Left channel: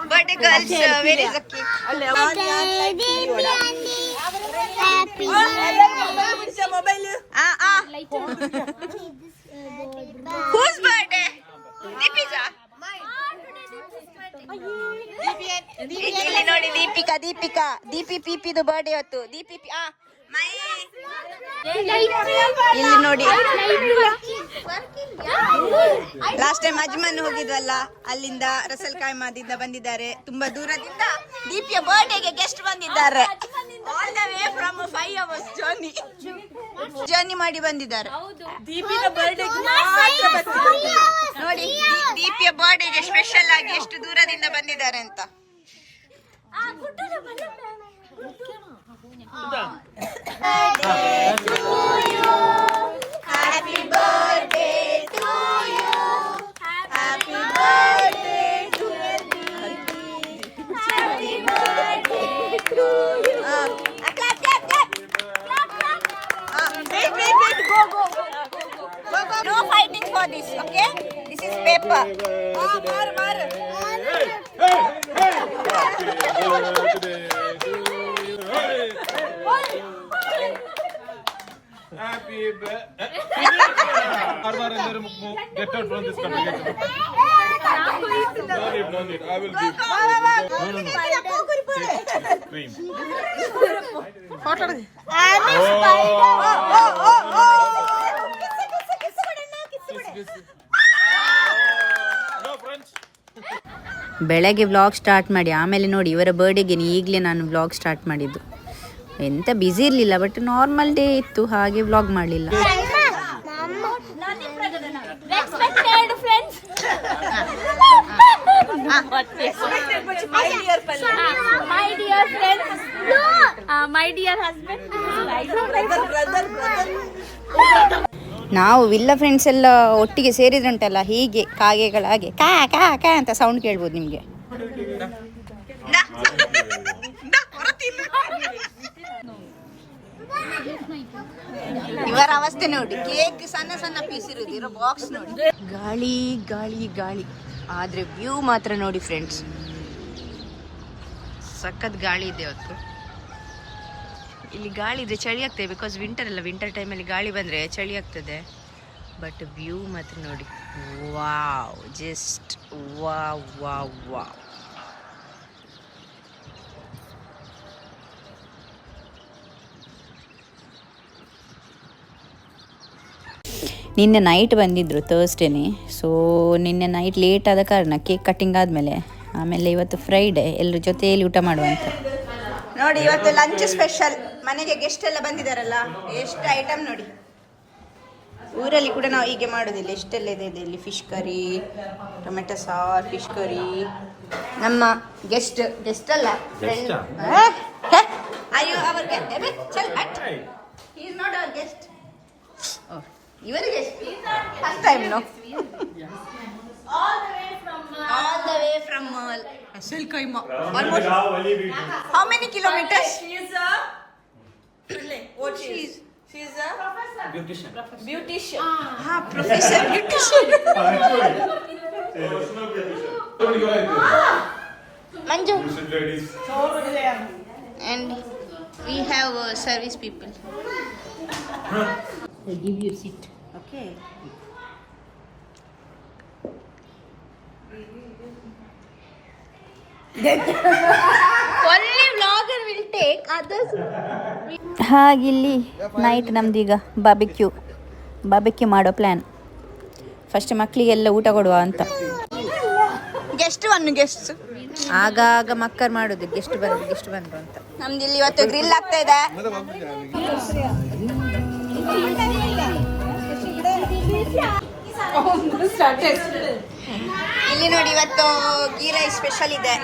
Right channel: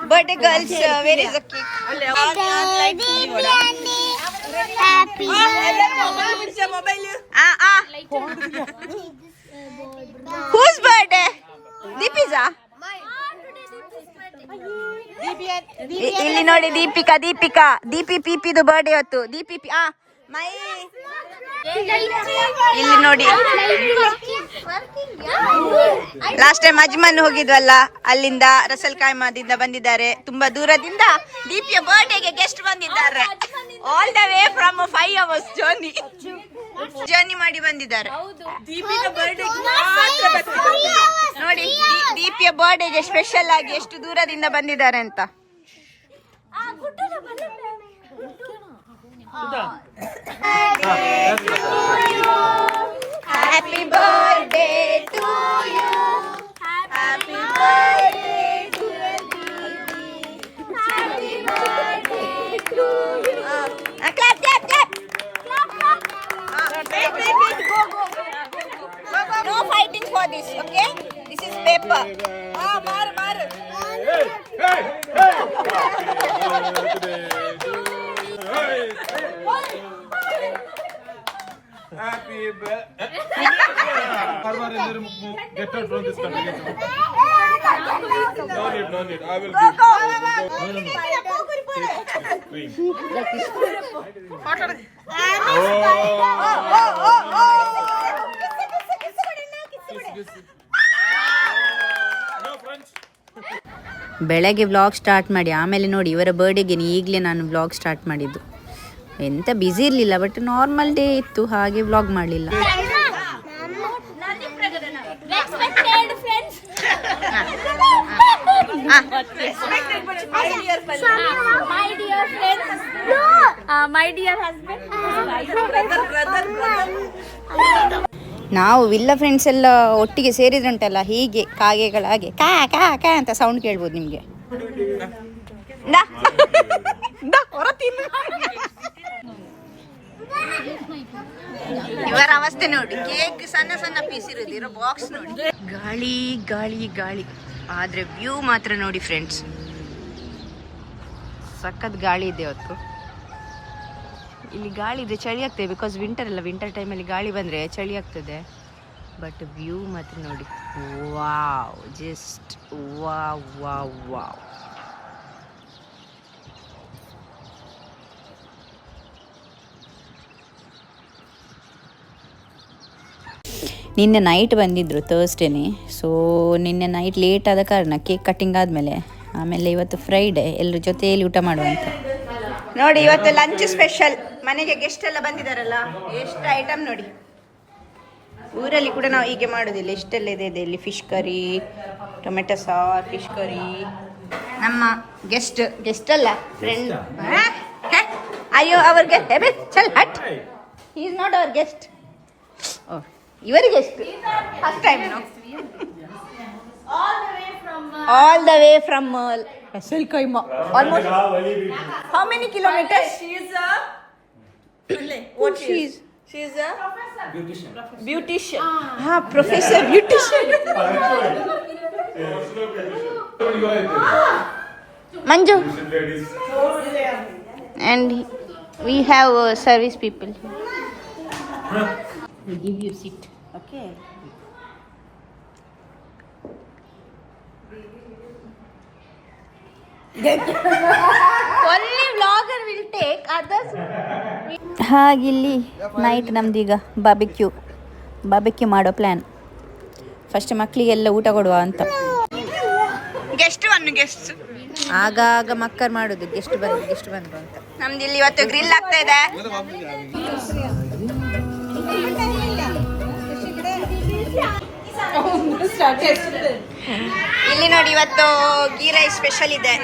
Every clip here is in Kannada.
Birthday girls, where is the cake? Whose birthday? Deepi's? ಇಲ್ಲಿ ನೋಡಿ ದೀಪಿಕಾ ದೀಪಿ ಪಿಪಿದು ಬರ್ಡೇ ಹೊತ್ತು ದೀಪಿ ಮೈ ಇಲ್ಲಿ ನೋಡಿ ಲಾಸ್ಟ್ ಟೈಮ್ ಅಜ್ಮನ್ ಹೋಗಿದ್ವಲ್ಲ ಅಲ್ಲಿಂದ ರಸಲ್ ಕಾಯ್ಮಾದಿಂದ ಬಂದಿದ್ದಾರೆ ತುಂಬಾ ದೂರದಿಂದ ದೀಪಿಯ ಬರ್ಡೇಗೆ ಗೆಸ್ಟ್ ಬಂದಿದ್ದಾರೆ all the way from 5 hours journey ಮಾಡಿ ಬಂದಿದ್ದಾರೆ ನೋಡಿ ದೀಪಿಯ ಬರ್ಡೇಗೆ ಸ್ಪೆಷಲ್ ಆಗಿ ಎಷ್ಟು ದೂರದಿಂದ ಬಂದಿದ್ದಾರೆ ಅಂತ Happy birthday to you. Happy birthday to you. Happy birthday to you. Clap. Wait. No fighting for this, okay? This is paper. Mar. Happy birthday. Get out from this country. No need. I will give. No. Cream. No, friends. ಬೆಳಗ್ಗೆ ವ್ಲಾಗ್ ಸ್ಟಾರ್ಟ್ ಮಾಡಿ ಆಮೇಲೆ ನೋಡಿ ಇವರ ಬರ್ಡೇಗೆ ಈಗಲೇ ನಾನು ವ್ಲಾಗ್ ಸ್ಟಾರ್ಟ್ ಮಾಡಿದ್ದು ಎಂತ ಬ್ಯುಸಿ ಇರಲಿಲ್ಲ ಬಟ್ ನಾರ್ಮಲ್ ಡೇ ಇತ್ತು ಹಾಗೆ ವ್ಲಾಗ್ ಮಾಡಲಿಲ್ಲ ನಾವು ವಿಲ್ಲ ಫ್ರೆಂಡ್ಸ್ ಎಲ್ಲ ಒಟ್ಟಿಗೆ ಸೇರಿದ್ರಂಟಲ್ಲ ಹೀಗೆ ಕಾಗೆಗಳಾಗೆ ಕಾ ಕಾ ಕಾ ಅಂತ ಸೌಂಡ್ ಕೇಳ್ಬೋದು ನಿಮಗೆ ಇವರ ಅವಸ್ಥೆ ನೋಡಿ ಕೇಕ್ ಸಣ್ಣ ಪೀಸ್ ಇರೋದಿರೋ ಬಾಕ್ಸ್ ನೋಡಿ ಗಾಳಿ ಆದ್ರೆ ವ್ಯೂ ಮಾತ್ರ ನೋಡಿ ಫ್ರೆಂಡ್ಸ್ ಸಖತ್ ಗಾಳಿ ಇದೆ ಅವತ್ತು ಇಲ್ಲಿ ಗಾಳಿ ಇದೆ ಚಳಿ ಆಗ್ತದೆ ಬಿಕಾಸ್ ವಿಂಟರ್ ಟೈಮಲ್ಲಿ ಗಾಳಿ ಬಂದರೆ ಚಳಿ ಆಗ್ತದೆ ಬಟ್ ವ್ಯೂ ಮಾತ್ರ ನೋಡಿ ವಾವ್ ಜಸ್ಟ್ ವಾವ್ ನಿನ್ನೆ ನೈಟ್ ಬಂದಿದ್ದರು ಥರ್ಸ್ಡೇನೆ ಸೊ ನಿನ್ನೆ ನೈಟ್ ಲೇಟ್ ಆದ ಕಾರಣ ಕೇಕ್ ಕಟ್ಟಿಂಗ್ ಆದಮೇಲೆ ಆಮೇಲೆ ಇವತ್ತು ಫ್ರೈಡೇ ಎಲ್ಲರ ಜೊತೆಯಲ್ಲಿ ಊಟ ಮಾಡುವಂತ ನೋಡಿ ಇವತ್ತು ಲಂಚ್ ಸ್ಪೆಷಲ್ ಮನೆಗೆ ಗೆಸ್ಟ್ ಎಲ್ಲ ಬಂದಿದ್ದಾರಲ್ಲ ಎಷ್ಟು ಐಟಮ್ ನೋಡಿ ಊರಲ್ಲಿ ಕೂಡ ನಾವು ಹೀಗೆ ಮಾಡೋದಿಲ್ಲ ಎಷ್ಟೆಲ್ಲ ಇದೆ ಇಲ್ಲಿ ಫಿಶ್ ಕರಿ ಟೊಮೆಟೊ ಸಾರ್ ಫಿಶ್ ಕರಿ ನಮ್ಮ ಗೆಸ್ಟ್ ಅಲ್ಲ ಫ್ರೆಂಡ್ ಅಯ್ಯೋ ಅವ್ರಿಗೆ ಚಲ್ ಹಟ್ he is not our guest ಇವರಿಗೆ first time no all the way from Ras Al Khaimah almost how many kilometers she is a she is a beautician professor beautician Manju and we have service people they give you a seat okay only vlogger will take others ಹಾಗಿಲ್ಲಿ ನೈಟ್ ನಮ್ದೀಗ ಬಾರ್ಬೆಕ್ಯೂ ಮಾಡೋ ಪ್ಲ್ಯಾನ್ ಫಸ್ಟ್ ಮಕ್ಕಳಿಗೆಲ್ಲ ಊಟ ಕೊಡುವ ಅಂತ ಗೆಸ್ಟ್ ಆಗಾಗ ಮಕ್ಕರ್ ಮಾಡೋದು ಗೆಸ್ಟ್ ಬಂದ್ರು ಅಂತ ನಮ್ದು ಇಲ್ಲಿ ಇವತ್ತು ಗ್ರಿಲ್ ಆಗ್ತಾ ಇದೆ ಇಲ್ಲಿ ನೋಡಿ ಇವತ್ತು ಗೀ ರೈಸ್ ಸ್ಪೆಷಲ್ ಇದೆ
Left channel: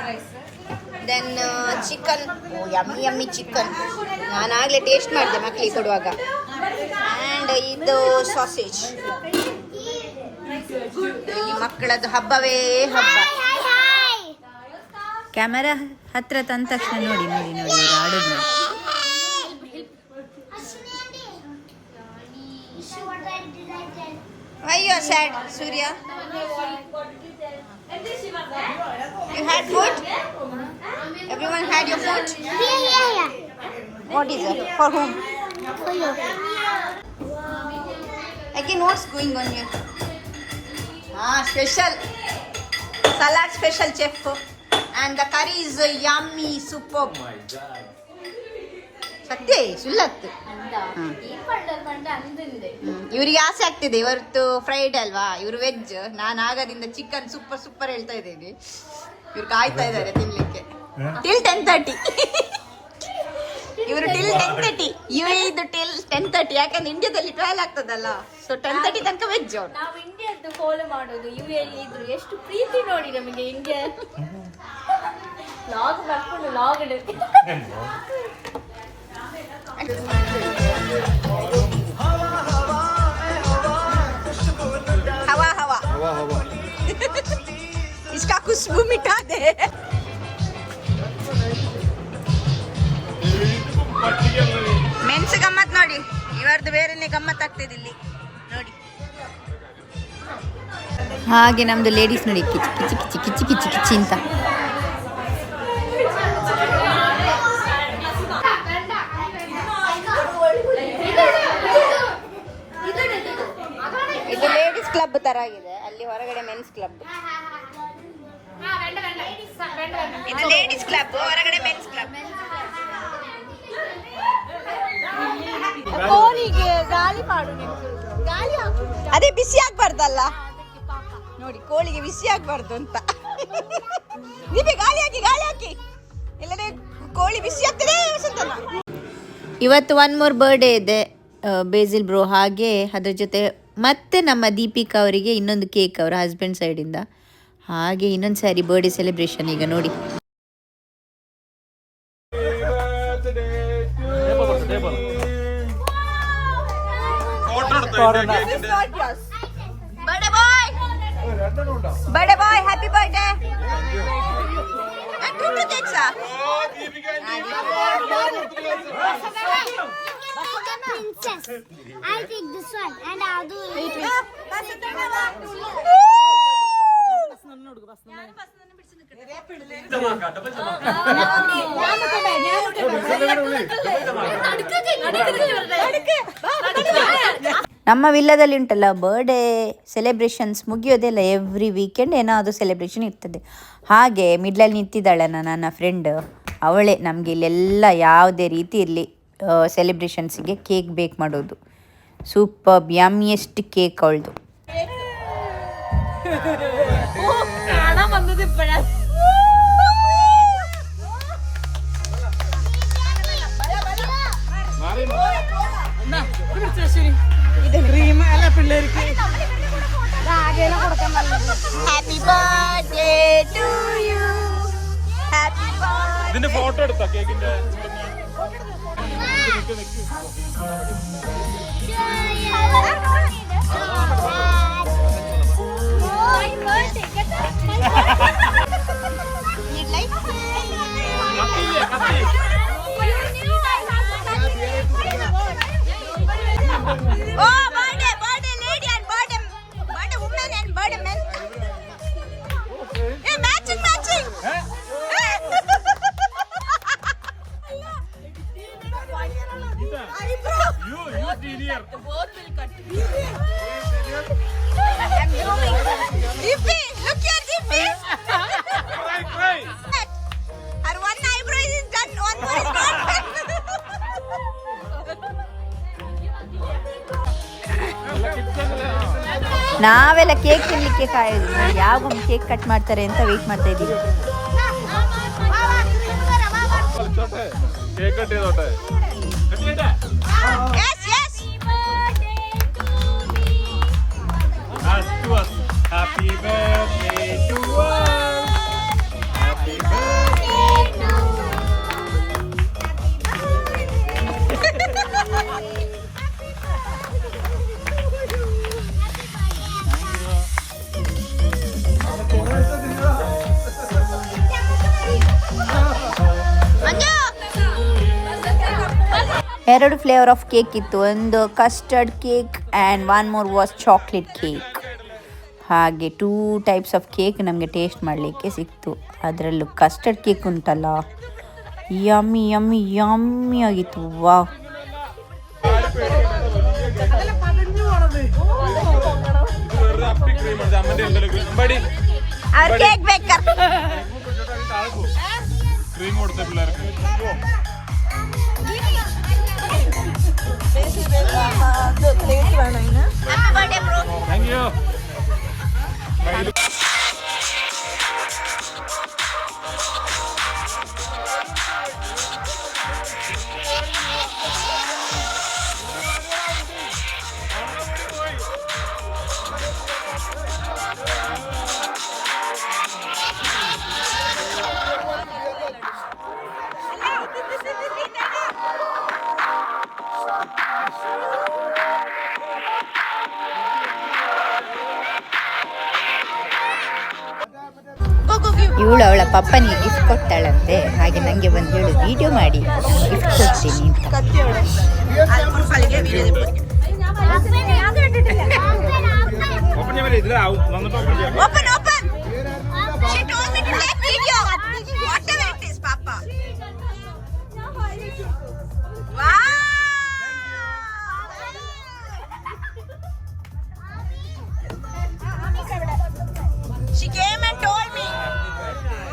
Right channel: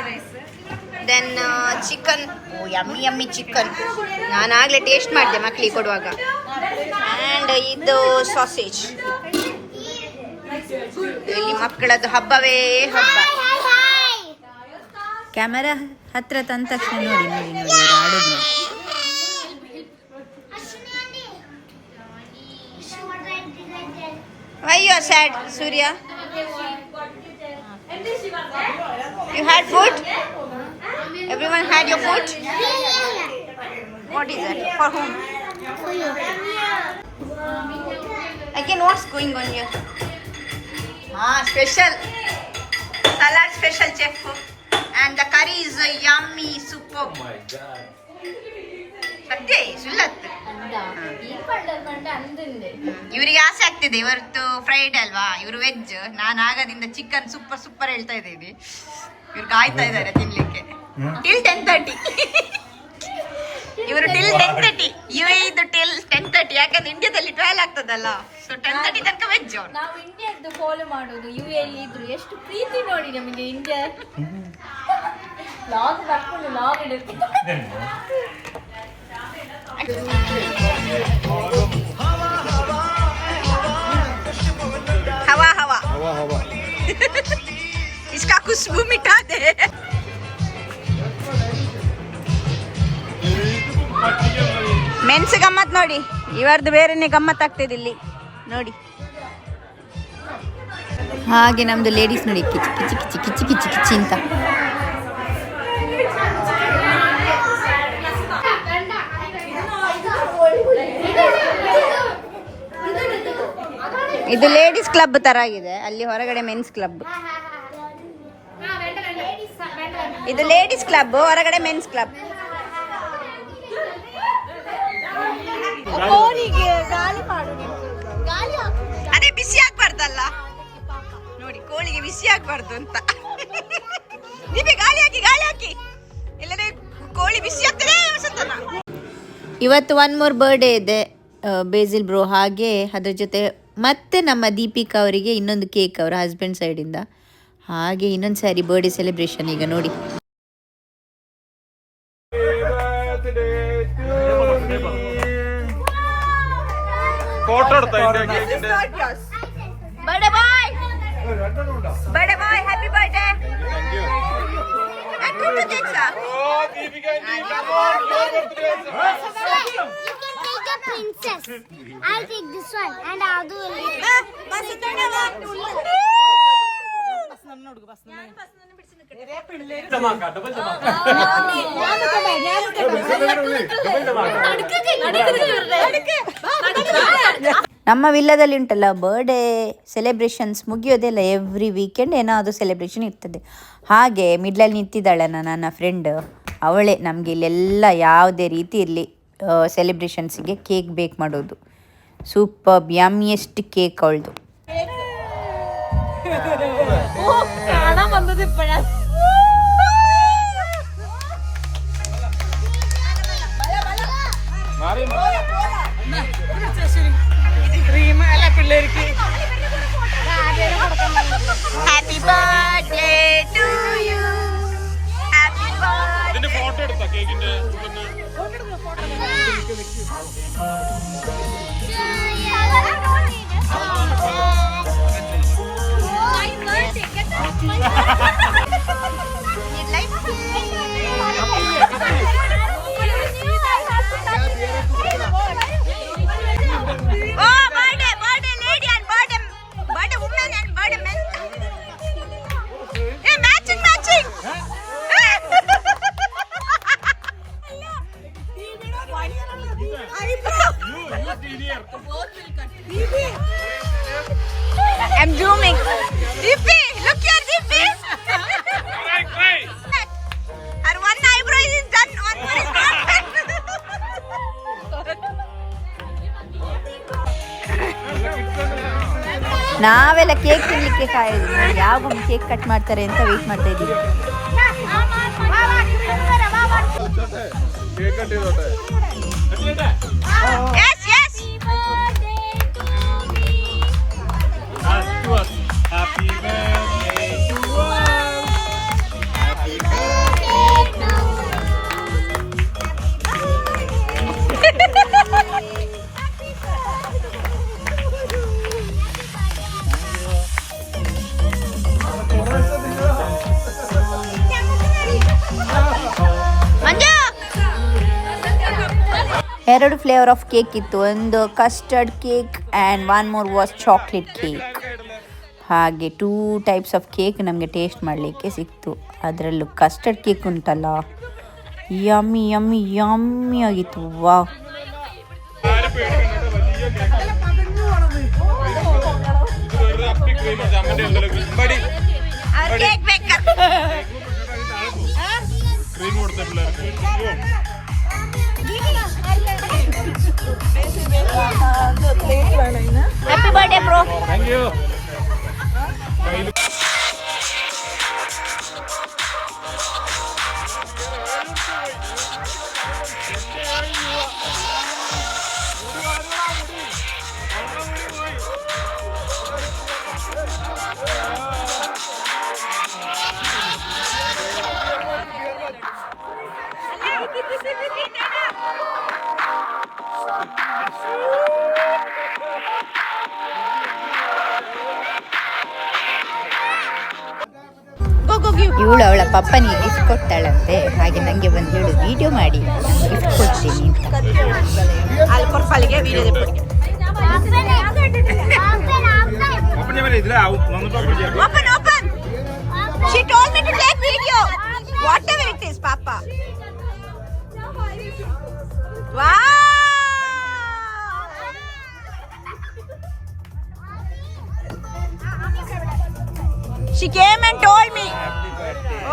ದೆನ್ ಚಿಕನ್ ಯಮ್ಮಿ ಚಿಕನ್ ನಾನು ಆಗಲೇ ಟೇಸ್ಟ್ ಮಾಡಿದೆ ಮಕ್ಕಳಿಗೆ ಕೊಡುವಾಗ ಆ್ಯಂಡ್ ಇದು ಸಾಸೇಜ್ ಇಲ್ಲಿ ಮಕ್ಕಳದ್ದು ಹಬ್ಬವೇ ಹಬ್ಬ ಕ್ಯಾಮರಾ ಹತ್ರ ತಂದ ತಕ್ಷಣ ನೋಡಿ ಇವ್ರು ಆಡೋದು ನೋಡಿ Why you are sad, Surya? You had food? Everyone had your food? What is it? For whom? For you. Again, what's going on here? Special. Salad special, chef. And the curry is yummy, superb. Oh my god. ಸತ್ಯ ಸುಳ್ಳತ್ತು. ಇವ್ರಿಗೆ ಆಸೆ ಆಗ್ತಿದೆ, ಇವತ್ತು ಫ್ರೈಡೆ ಅಲ್ವಾ, ಇವ್ರು ವೆಜ್, ನಾನು ಆಗದಿಂದ ಚಿಕನ್ ಸೂಪರ್ ಹೇಳ್ತಾ ಇದ್ದೀನಿ. ಇವ್ರು ಕಾಯ್ತಾ ಇದ್ದಾರೆ ತಿನ್ಲಿಕ್ಕೆ. ಟಿಲ್ 10:30 ಇವರು ಟಿಲ್ 10:30, ಇದು ಟಿಲ್ 10:30, ಯಾಕಂದ್ರೆ ಇಂಡಿಯಾದಲ್ಲಿ 12 ಆಗ್ತದಲ್ಲ, ಸೊ 10:30 ತನಕ ವೆಜ್ ಅವ್ರು. ನಾವು ಇಂಡಿಯಾದ್ದು ಫಾಲೋ ಮಾಡೋದು, ಯುಎಲ್ಲಿ ಇದ್ರು ಎಷ್ಟು ಪ್ರೀತಿ ನೋಡಿ ನಮಗೆ ಇಂಡಿಯಾ. ಲಾಗ್ ಹಾಕೊಂಡು ಲಾಗ್ ಇಡುತ್ತೆ. हवा हवा हवा हवा इसका खुशबू मिटा दे. ಮೆನ್ಸ್ ಗಮ್ಮತ್ ನೋಡಿ, ಇವರದ್ದು ಬೇರೆನೆ ಗಮ್ಮತ್ ಆಗ್ತಿದೆ ಇಲ್ಲಿ ನೋಡಿ. ಹಾಗೆ ನಮ್ಮದು ಲೇಡೀಸ್ ನೋಡಿ ಕಿಚಿ ಕಿಚಿ ಕಿಚಿ ಕಿಚಿ ಕಿಚಿ ಕಿಚಿ ಅಂತ. ಇದು ಲೇಡೀಸ್ ಕ್ಲಬ್ ತರ ಆಗಿದೆ, ಅಲ್ಲಿ ಹೊರಗಡೆ ಮೆನ್ಸ್ ಕ್ಲಬ್. ಇದು ಲೇಡೀಸ್ ಕ್ಲಬ್, ಹೊರಗಡೆ ಮೆನ್ಸ್ ಕ್ಲಬ್. ಕೋಳಿಗೆ ಗಾಳಿ ಮಾಡು, ಗಾಳಿ ಹಾಕು. ಅದೇ ಬಿಸಿ ಆಗ್ಬಾರ್ದಲ್ಲ ನೋಡಿ, ಕೋಳಿಗೆ ಬಿಸಿ ಆಗ್ಬಾರ್ದು ಅಂತ. ದೀಪಿ ಗಾಳಿ ಹಾಕಿ ಇಲ್ಲದೆ ಕೋಳಿ ಬಿಸಿ ಆಗ್ತದೆ ವಸಂತನ. ಇವತ್ತು 1 more ಬರ್ಡೇ ಇದೆ ಬೇಸಿಲ್ ಬ್ರೋ, ಹಾಗೆ ಅದ್ರ ಜೊತೆ ಮತ್ತೆ ನಮ್ಮ ದೀಪಿಕಾ ಅವರಿಗೆ ಇನ್ನೊಂದು ಕೇಕ್ ಅವರ ಹಸ್ಬೆಂಡ್ ಸೈಡಿಂದ. ಹಾಗೆ ಇನ್ನೊಂದು ಸಾರಿ ಬರ್ಡೇ ಸೆಲೆಬ್ರೇಷನ್ ಈಗ ನೋಡಿ. Birthday boy, happy birthday. And 2 cakes. Take a princess. I'll take this one and I'll do it. ನಮ್ಮ ವಿಲ್ಲದಲ್ಲಿ ಉಂಟಲ್ಲ ಬರ್ಡೇ ಸೆಲೆಬ್ರೇಷನ್ಸ್ ಮುಗಿಯೋದೆಲ್ಲ ಎವ್ರಿ ವೀಕೆಂಡ್ ಏನಾದರೂ ಸೆಲೆಬ್ರೇಷನ್ ಇರ್ತದೆ. ಹಾಗೆ ಮಿಡ್ಲಲ್ಲಿ ನಿಂತಿದ್ದಾಳಲ್ಲ ನನ್ನ ಫ್ರೆಂಡ್, ಅವಳೇ ನಮಗೆ ಇಲ್ಲೆಲ್ಲ ಯಾವುದೇ ರೀತಿ ಇರಲಿ ಸೆಲೆಬ್ರೇಷನ್ಸಿಗೆ ಕೇಕ್ ಬೇಕ್ ಮಾಡೋದು. ಸೂಪರ್ ಯಮ್ಮಿಯೆಸ್ಟ್ ಕೇಕ್ ಅವಳದು. കാണാൻ വന്നത് ഇപ്പോഴാണ്. Happy birthday to you. Happy birthday. ഇതിന്റെ ഫോട്ടോ എടുത്താ കേക്കിന്റെ. Oh, birthday lady and birthday woman and birthday man. Hey, matching. You senior. I'm zooming. Dippy, look here, Dippy. Her one eyebrow is done, one more is not done. ನಾವೆಲ್ಲ ಕೇಕ್ ತಿನ್ನಲಿಕ್ಕೆ ಕಾಯೋದು ನೋಡಿ, ಯಾವಾಗ ಕೇಕ್ ಕಟ್ ಮಾಡ್ತಾರೆ ಅಂತ ವೆಯ್ಟ್ ಮಾಡ್ತಾ ಇದ್ದೀವಿ. കേക്ക് കട്ട് ചെയ്തോട്ടെ. Yes. Happy birthday to us. Happy birthday to Manju. 2 flavour of cake ಇತ್ತು, ಒಂದು custard cake and 1 more was chocolate cake. ಹಾಗೆ 2 types ಆಫ್ ಕೇಕ್ ನಮಗೆ ಟೇಸ್ಟ್ ಮಾಡಲಿಕ್ಕೆ ಸಿಕ್ತು. ಅದರಲ್ಲೂ ಕಸ್ಟರ್ಡ್ ಕೇಕ್ ಉಂಟಲ್ಲ, ಯಮ್ಮಿ ಯಮ್ಮಿ ಯಮ್ಮಿ ಆಗಿತ್ತು. ವಾವ್. ക്രീം കൊടുത്ത പിള്ളേർക്ക് താങ്ക് യു. ಇವಳು ಅವಳ ಪಪ್ಪನಿಗೆ ಗಿಫ್ಟ್ ಕೊಡ್ತಾಳಂತೆ. ಹಾಗೆ ನನಗೆ ಬಂದು ಹೇಳು, ವಿಡಿಯೋ ಮಾಡಿ ನಾನು ಗಿಫ್ಟ್ ಕೊಡ್ತೀನಿ ಅಂತ. ഓപ്പൺ ചെയ്യാൻ പറ്റില്ല. വന്നിട്ട് ഓപ്പൺ ചെയ്യാം. Open, open. She told me to take video. Whatever it is, Papa. Wow. She came and told me.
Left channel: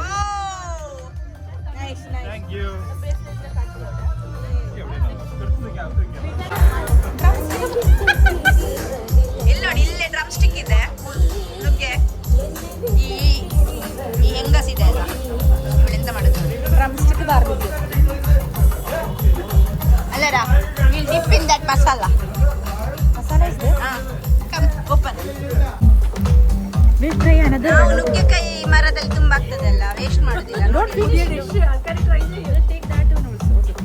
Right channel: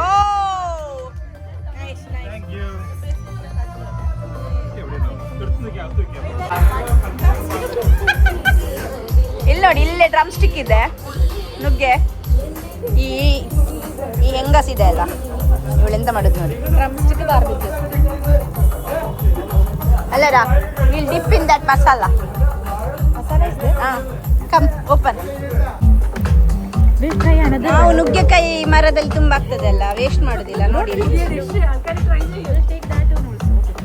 Oh. Nice, nice. Thank you. ಇಲ್ಲಿ ನೋಡಿ, ಇಲ್ಲೇ ಡ್ರಮ್ ಸ್ಟಿಕ್ ಇದೆ, ನುಗ್ಗೆ ಈ ಹೆಂಗಸಿದೆ ಅಲ್ಲ, ಇವಳೆಂತ ಮಾಡುದು ನೋಡಿ. ಅಲ್ಲರ will dip in that masala. Come open. ನಾವು ನುಗ್ಗೆಕಾಯಿ ಮರದಲ್ಲಿ ತುಂಬಾ ಆಗ್ತದೆ ಅಲ್ಲ, ವೇಸ್ಟ್ ಮಾಡುದಿಲ್ಲ.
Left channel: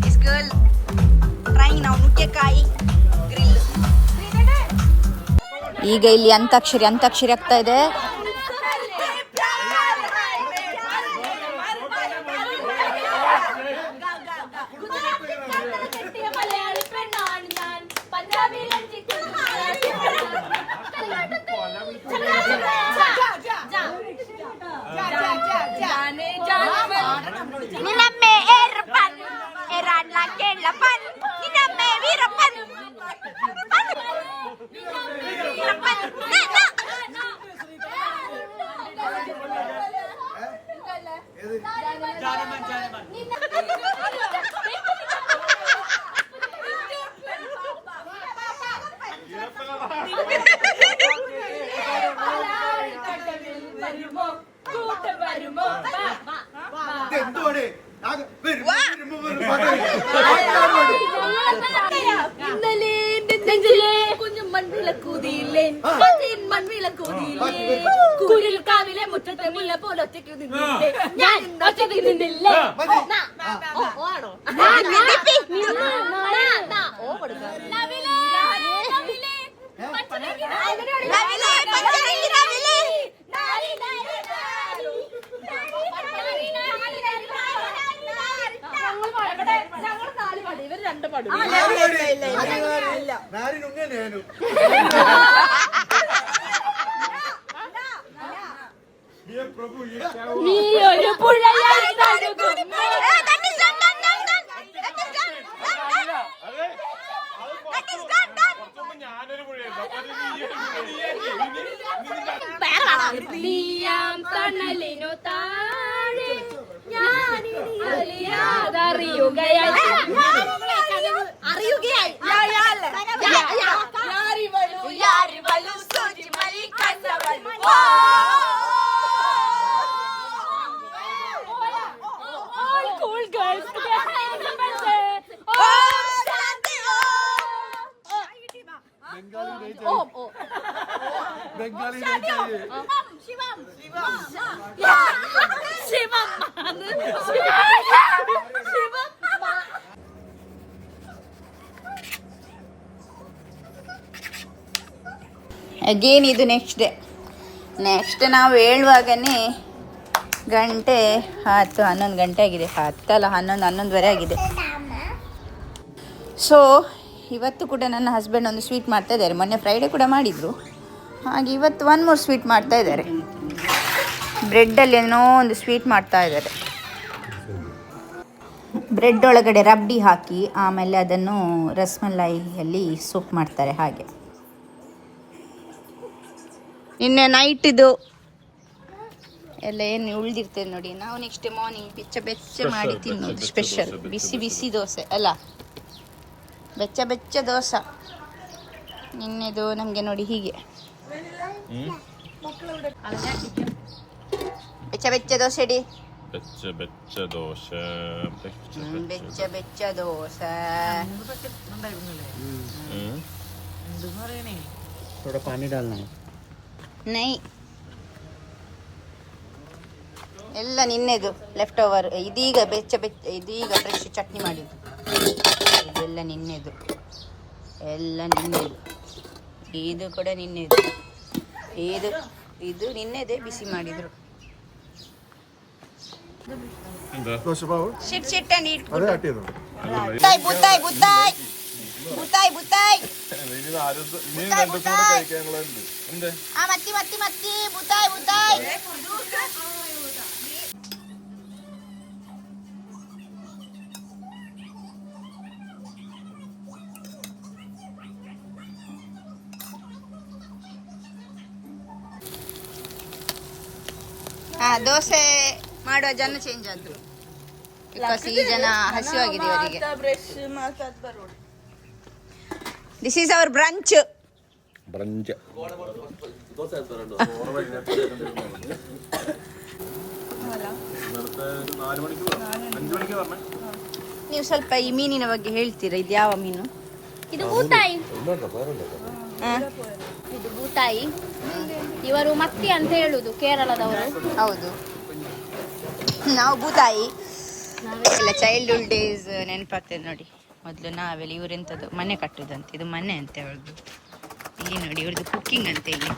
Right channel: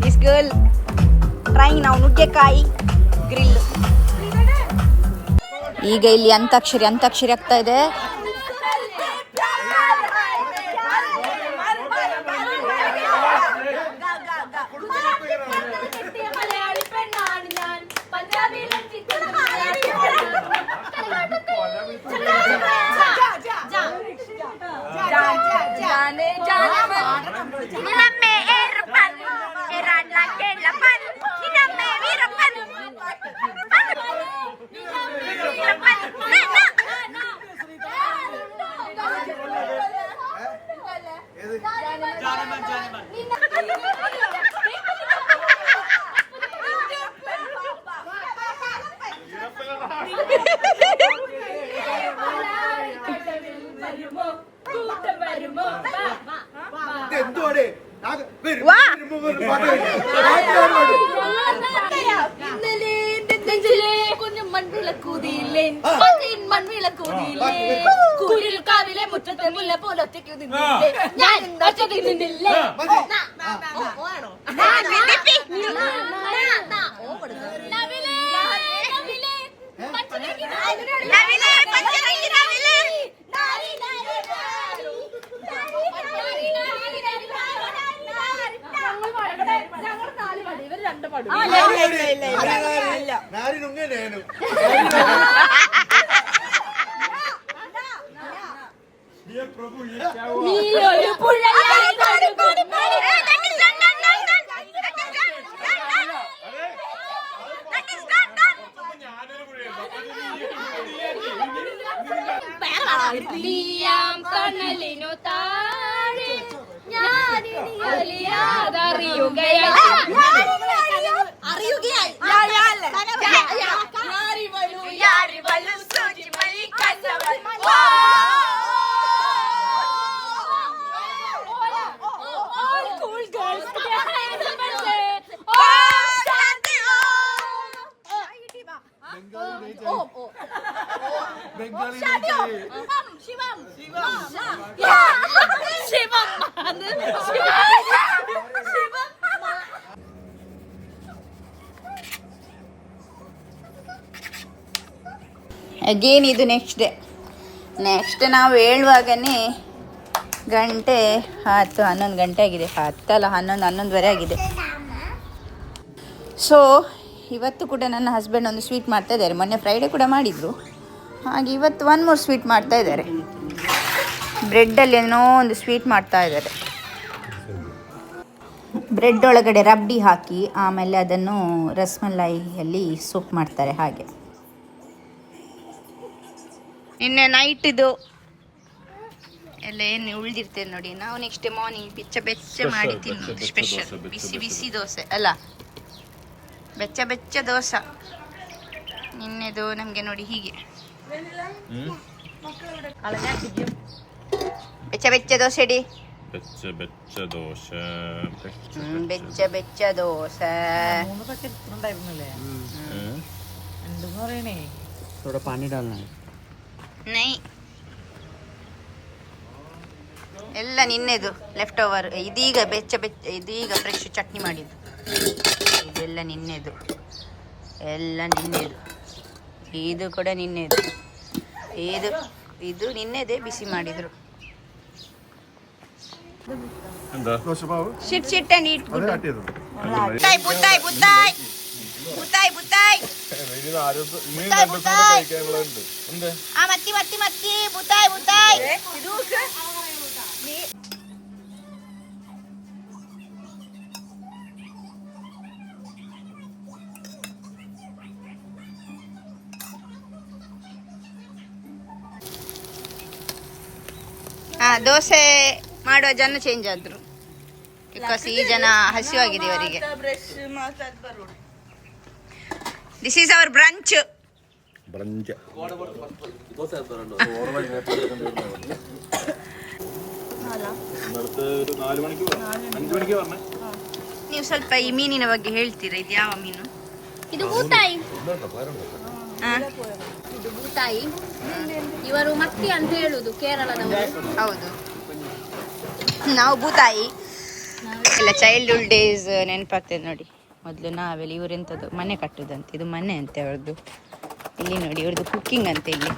ದಿಸ್ ಗರ್ಲ್ ಟ್ರೈಂಗ್ ನಾವು ನುಗ್ಗೆಕಾಯಿ ಗ್ರಿಲ್. ಈಗ ಇಲ್ಲಿ ಅಂತಾಕ್ಷರಿ ಆಗ್ತಾ ಇದೆ. കുരിൽക്കാവിലെ മുറ്റത്തെ മുല്ല പോലെ ഒറ്റയ്ക്ക് നിന്നില്ലേ ഞാൻ ഒറ്റയ്ക്ക് നിന്നില്ലേ. ഞങ്ങൾ 4 പാടും, ഇവർ 2 പാടും. നീ ഒരു പുഴയായി ഒഴുകുന്നു. നീയാം തണലിനു താഴെ ഞാനിനി അറിയാതറിയുകയായി ಅಗೇನ್ ಇದು ನೆಕ್ಸ್ಟ್ ನಾವು ಹೇಳುವಾಗನೇ ಗಂಟೆ 11 ಗಂಟೆ ಆಗಿದೆ. 11:11 ಆಗಿದೆ. ಸೊ ಇವತ್ತು ಕೂಡ ನನ್ನ ಹಸ್ಬೆಂಡ್ ಒಂದು ಸ್ವೀಟ್ ಮಾಡ್ತಾ ಇದ್ದಾರೆ. ಮೊನ್ನೆ ಫ್ರೈಡೇ ಕೂಡ ಮಾಡಿದರು, ಹಾಗೆ ಇವತ್ತು 1 more ಸ್ವೀಟ್ ಮಾಡ್ತಾ ಇದ್ದಾರೆ. ಬ್ರೆಡ್ಡಲ್ಲಿ ಏನೋ ಒಂದು ಸ್ವೀಟ್ ಮಾಡ್ತಾ ಇದ್ದಾರೆ. ಬ್ರೆಡ್ ಒಳಗಡೆ ರಬ್ಡಿ ಹಾಕಿ ಆಮೇಲೆ ಅದನ್ನು ರಸ್ಮಲೈಯಲ್ಲಿ ಸೂಪ್ ಮಾಡ್ತಾರೆ ಹಾಗೆ. ನಿನ್ನೆ ನೈಟ್ ಇದು ಎಲ್ಲ ಏನು ಉಳಿದಿರ್ತೇವೆ ನೋಡಿ, ನಾವು ನೆಕ್ಸ್ಟ್ ಮಾರ್ನಿಂಗ್ ಬೆಚ್ಚ ಮಾಡಿ ತಿನ್ನೋದು ಸ್ಪೆಷಲ್. ಬಿಸಿ ಬಿಸಿ ದೋಸೆ ಅಲ್ಲ, ಬೆಚ್ಚ ದೋಸೆ. ನಿನ್ನೆದು ನಮಗೆ ನೋಡಿ ಹೀಗೆ ಬೆಚ್ಚ ದೋಸೆ ಇಡಿ. ಬೆಚ್ಚ ದೋಸೆ. ಬೆಚ್ಚ ದೋಸೆ. थोड़ा पानी डालना है. ನೈ ಎಲ್ಲ ನಿನ್ನೆದು ಲೆಫ್ಟ್ ಓವರ್. ಇದೀಗ ಇದೀಗ ಫ್ರೆಶ್ ಚಟ್ನಿ ಮಾಡಿದ್ದು. ಇದೆಲ್ಲ ನಿನ್ನೆದು, ಎಲ್ಲ ನಿನ್ನೆದು. ಇದು ಕೂಡ ನಿನ್ನೆದು. ಇದು ನಿನ್ನೆದೇ ಬಿಸಿ ಮಾಡಿದ್ರು. Sit and heat good. ಬುತ್ತಾಯ್ ಮತ್ತಿ ಬುತ್ತಾಯ್. ದೋಸೆ ಮಾಡುವ ಜನ ಚೇಂಜ್ ಆದ್ರು, ಬಿಕಾಸ್ ಈ ಜನ ಹಸಿವಾಗಿದೆ ಇವರಿಗೆ. This is our brunch. ನೀವು ಸ್ವಲ್ಪ ಈ ಮೀನಿನ ಬಗ್ಗೆ ಹೇಳ್ತೀರಾ? ಇದು ಯಾವ ಮೀನು? ಇದು ಬೂತಾಯಿ. ಇದು ಬೂತಾಯಿ. ಇವರು ಮತ್ತಿ ಅಂತ ಹೇಳುದು ಕೇರಳದವರು. ಹೌದು, ನಾವು ಬೂತಾಯಿ ಎಲ್ಲ ಚೈಲ್ಡ್ಹುಡ್ ಡೇಸ್ ನೆನಪಾಗ್ತದೆ ನೋಡಿ. ಮೊದಲು ನಾವೆಲ್ಲ ಇವರೆಂಥದ್ದು ಮನೆ ಕಟ್ಟುದಂತೆ, ಇದು ಮನೆ ಅಂತೆ ಅವ್ರದ್ದು. ಇಲ್ಲಿ ನೋಡಿ ಇವ್ರದ್ದು ಕುಕ್ಕಿಂಗ್ ಅಂತೆ, ಇಲ್ಲಿ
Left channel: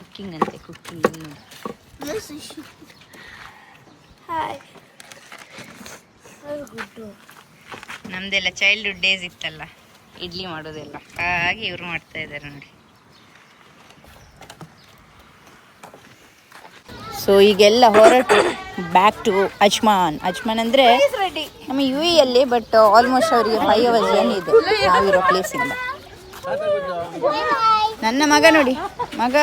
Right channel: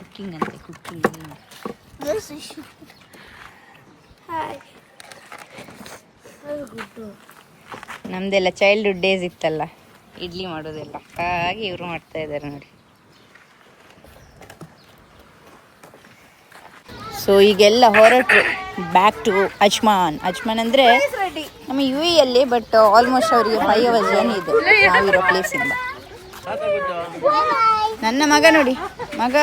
ಕುಕ್ಕಿಂಗ್ ಅಂತೆ, ಕುಕ್ಕಿಂಗ್. ನಮ್ದೆಲ್ಲ ಚೈಲ್ಡ್ಹುಡ್ ಡೇಸ್ ಇತ್ತಲ್ಲ, ಇಡ್ಲಿ ಮಾಡೋದೆಲ್ಲ, ಹಾಗೆ ಇವರು ಮಾಡ್ತಾ ಇದ್ದಾರೆ ನೋಡಿ. ಸೊ ಈಗೆಲ್ಲ ಹೊರಟು ಬ್ಯಾಕ್ ಟು ಅಜ್ಮಾನ್. ಅಜ್ಮಾನ್ ಅಂದರೆ ನಮ್ಮ UAE ಬಟ್ ಆಲ್ಮೋಸ್ಟ್ ಅವರಿಗೆ 5 hours ಜರ್ನಿ ಇದೆ ನಾವಿರೋ ಪ್ಲೇಸಿಂದ. ನನ್ನ ಮಗ ನೋಡಿ, ಮಗ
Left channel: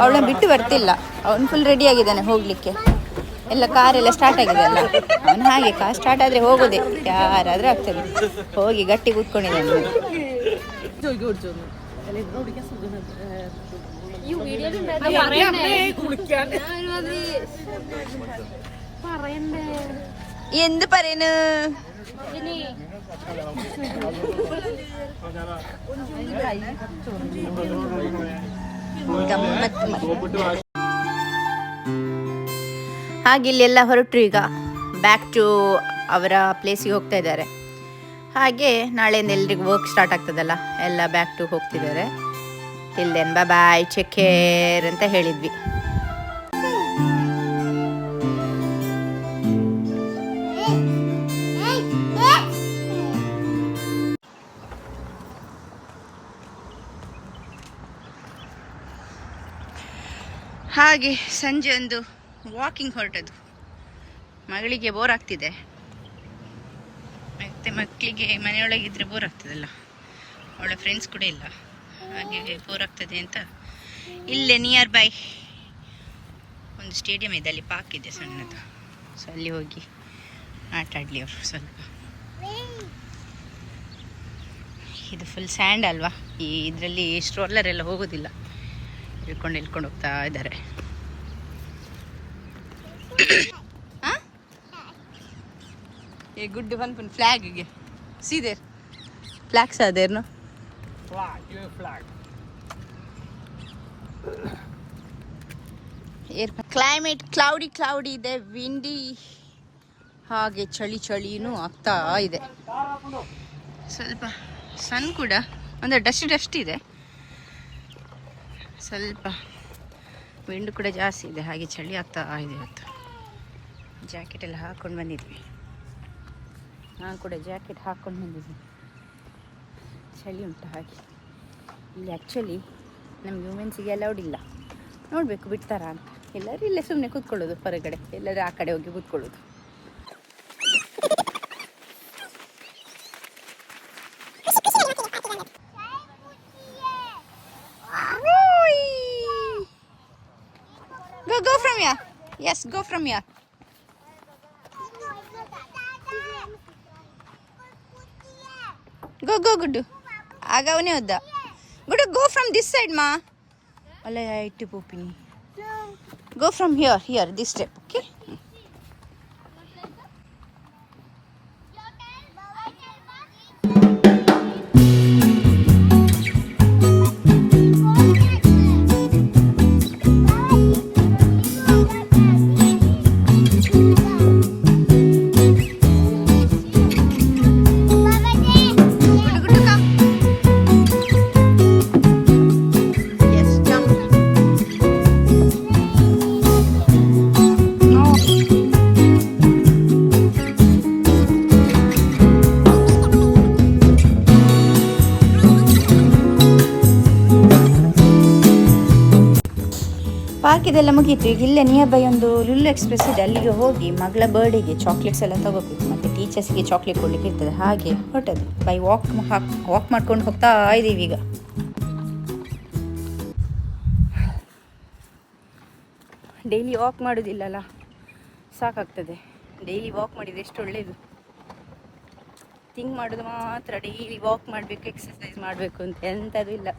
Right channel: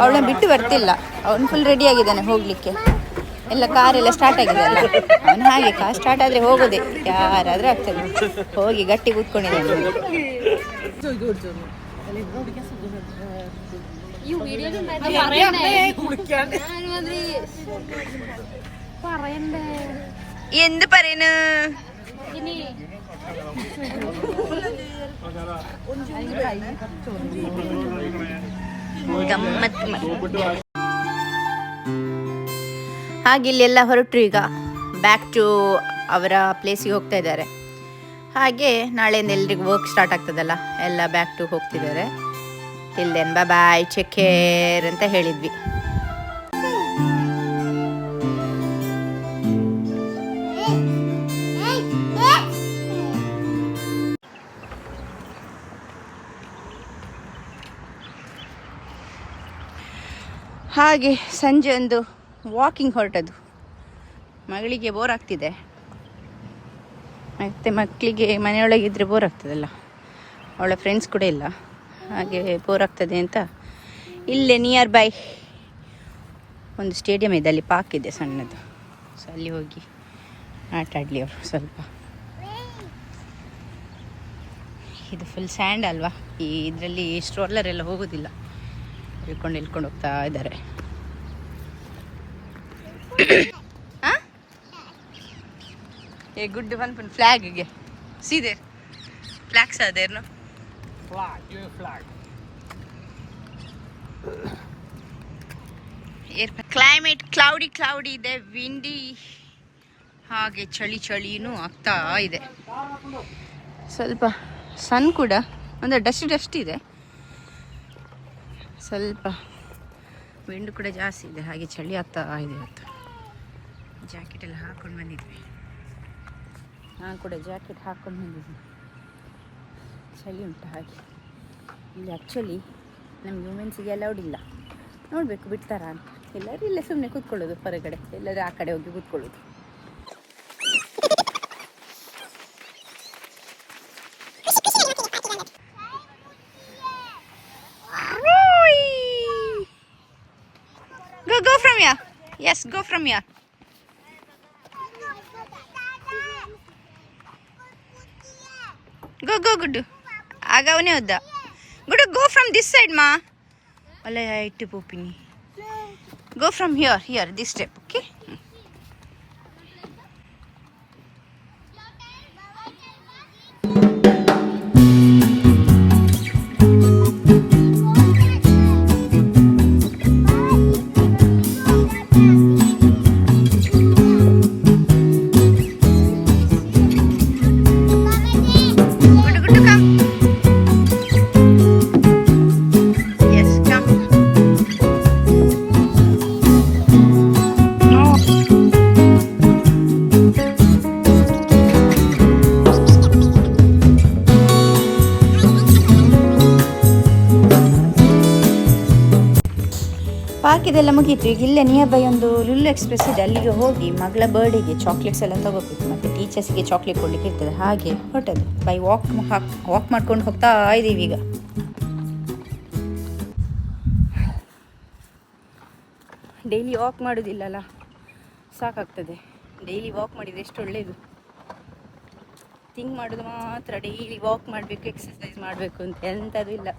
ಅವಳನ್ನ ಬಿಟ್ಟು ಬರ್ತಿಲ್ಲ. ಅವನು ಫುಲ್ ರೆಡಿ ಆಗಿದ್ದಾನೆ ಹೋಗಲಿಕ್ಕೆ. ಎಲ್ಲ ಕಾರೆಲ್ಲ ಸ್ಟಾರ್ಟ್ ಆಗಿದೆ ಅಲ್ಲ, ಅವನು ಹಾಗೆ ಕಾರ್ ಸ್ಟಾರ್ಟ್ ಆದರೆ ಹೋಗೋದೆ, ಯಾರಾದರೂ ಆಗ್ತದೆ. ಹೋಗಿ ಗಟ್ಟಿ ಕೂತ್ಕೊಂಡಿದ್ದಾನೆ. എന്ത് പറയുന്നു? ಹಾಗೆ ಇಲ್ಲೆಲ್ಲ ಹೊರಟರು. ಈಗ ಬ್ಯಾಕ್ ಟು ಅವರ ಪ್ಲೇಸಿಗೆ ಹೋಗ್ತಾ ಇದ್ದಾರೆ. ಹಾಗೆ ನಾಳೆಯಿಂದ ಎಲ್ರಿಗೂ ವರ್ಕ್ ಸ್ಟಾರ್ಟ್ ಆಗ್ತದಲ್ಲ, ಎಲ್ಲ ಬ್ಯಾಕ್ ಟು ಹೋಗ್ತಿದ್ದಾರೆ. Till then bye, take care ಅಂತ ಹೇಳಿದ್ವಿ. ಹಾಗೆ ಸಂಜೆ ಒಂದು ವಾಕಿಂಗ್ ಹೊರಟದು. ಮಗಳಿಗೆ ಬೋರ್ ಆಗ್ತಿದೆ, ಮತ್ತು ಮಕ್ಕಳಿಗೆ ಮನೆಯೊಳಗಿದ್ರೆ ಬೋರ್ ಆಗ್ತದಲ್ಲ, ಅವಳ ಫ್ರೆಂಡ್ಸ್ ಕೂಡ ಇಲ್ಲ, ಹಾಗೆ ಬೋರ್ ಆಗ್ತದೆ ಅಂತ ಇಲ್ಲೇ ನಿಯರ್ ಬೈ ಒಂದು ಸ್ಟೇಡಿಯಂ ಇದೆ, ಅಲ್ಲಿ ಪಾರ್ಕ್ ಇದೆ ಸಣ್ಣದು. ಸೊ ಅಲ್ಲಿ ಹೋಗಿ ಆಟ ಆಡಲಿ ಅವರು ಸ್ವಲ್ಪ. ಇದು ಫುಲ್ ಸ್ಯಾಂಡ್ ಅಲ್ವಾ, ಈ ಇದರಲ್ಲಿ ಸ್ಟ್ರೋಲರ್ ಎಲ್ಲ ಹೋಗೋದಿಲ್ಲ, ಇಳ್ಕೊಂಡು ಹೋಗ್ತಾ ಇದ್ದಾರೆ. ಏ ಗುಡ್ ಬಂದ್ಪನ್ ಫ್ಲಾಗ್ಗೆ ಸೀದೆ ಫ್ಲಾಗ್ಸ್ ಅದೇನು ಕ್ಲೈಮೇಟ್ ಕ್ಲೌಡಿ ಇದೆ, ವಿಂಡಿ, ಹಾಗೆ ಚಳಿನೂ ಆಗ್ತಾ ಇದೆ. ಸ್ವಲ್ಪ ಸನ್ ಕೂಡ ಅಂದರೆ ಡಸ್ಟ್ ಇದೆ, ಸ್ವಲ್ಪ ವಿಂಡ್ ಕೂಡ ಜಾಸ್ತಿ ಇದೆ, ಹಾಗೆ ಚಳಿ ಆಗ್ತಾ ಇದೆ. ಇವತ್ತು ಜಾಕೆಟ್ ಎಲ್ಲ ಹಾಕ್ಕೊಂಡು ಬಂದಿದ್ವಿ, ನಾನು ಕೂಡ ಜಾಕೆಟ್ ಹಾಕ್ಕೊಂಡು ಬಂದಿದ್ವಿ. ಚಳಿ ಉಂಟು ಹಾಗೆ. ಇಲ್ಲಿ ಆ್ಯಕ್ಚುಲಿ ನಮ್ಗೆ ವುಮೆನ್ಸಿಗೆ ಅಲೌಡ್ ಇಲ್ಲ. ನೋಡಬೇಕು ಬಿಡ್ತಾರಾ ಅಂತ. ಎಲ್ಲರೂ ಇಲ್ಲೇ ಸುಮ್ಮನೆ ಕೂತ್ಕೊಳ್ಳೋದು ಹೊರಗಡೆ, ಎಲ್ಲರೂ ಆ ಕಡೆ ಹೋಗಿ ಕೂತ್ಕೊಳ್ಳೋದು. Go from here. Yes, go from here. Go, Gudu. Agavane hodda. Gudu, go from this side, ma. Alla ittu poopini. Go from here, this step, okay? ಪಾರ್ಕಿದೆಲ್ಲ ಮುಗೀತು. ಈಗ ಇಲ್ಲೇ ನಿಯರ್ ಬೈ ಒಂದು ಲುಲ್ಲು ಎಕ್ಸ್ಪ್ರೆಸ್ ಇದೆ, ಅಲ್ಲಿಗೆ ಹೋಗಿ ಮಗಳ ಬರ್ಡೇಗೆ ಚಾಕ್ಲೇಟ್ಸ್ ಎಲ್ಲ ತಗೋಬೇಕು, ಮತ್ತು ಟೀಚರ್ಸ್ಗೆ ಚಾಕ್ಲೇಟ್ ಕೊಡ್ಲಿಕ್ಕೆ ಇರ್ತದೆ. ಹಾಗೆ ಹೊರಟದು ಬೈ ವಾಕ್ ಮಾಡ್ಕೊಂಡು ಹೋಗ್ತಾ ಇದ್ದೀವಿ ಈಗ. ಡೈಲಿ ವಾಕ್ ಮಾಡೋದಿಲ್ಲಲ್ಲ, ಸಾಕಾಗ್ತದೆ. ಡೈಲಿ ವಾಕ್ ಮಾಡಿದರೆ ಎಷ್ಟು ಒಳ್ಳೆಯದು. ಥಿಂಕ್ ಮಾಡೋದು ಮಾತ್ರ ಡೈಲಿ ವಾಕ್ ಮಾಡಬೇಕು, ಎಕ್ಸಸೈಸ್ ಮಾಡಬೇಕು ಅಂತ ಎಂಥದ್ದು ಇಲ್ಲ.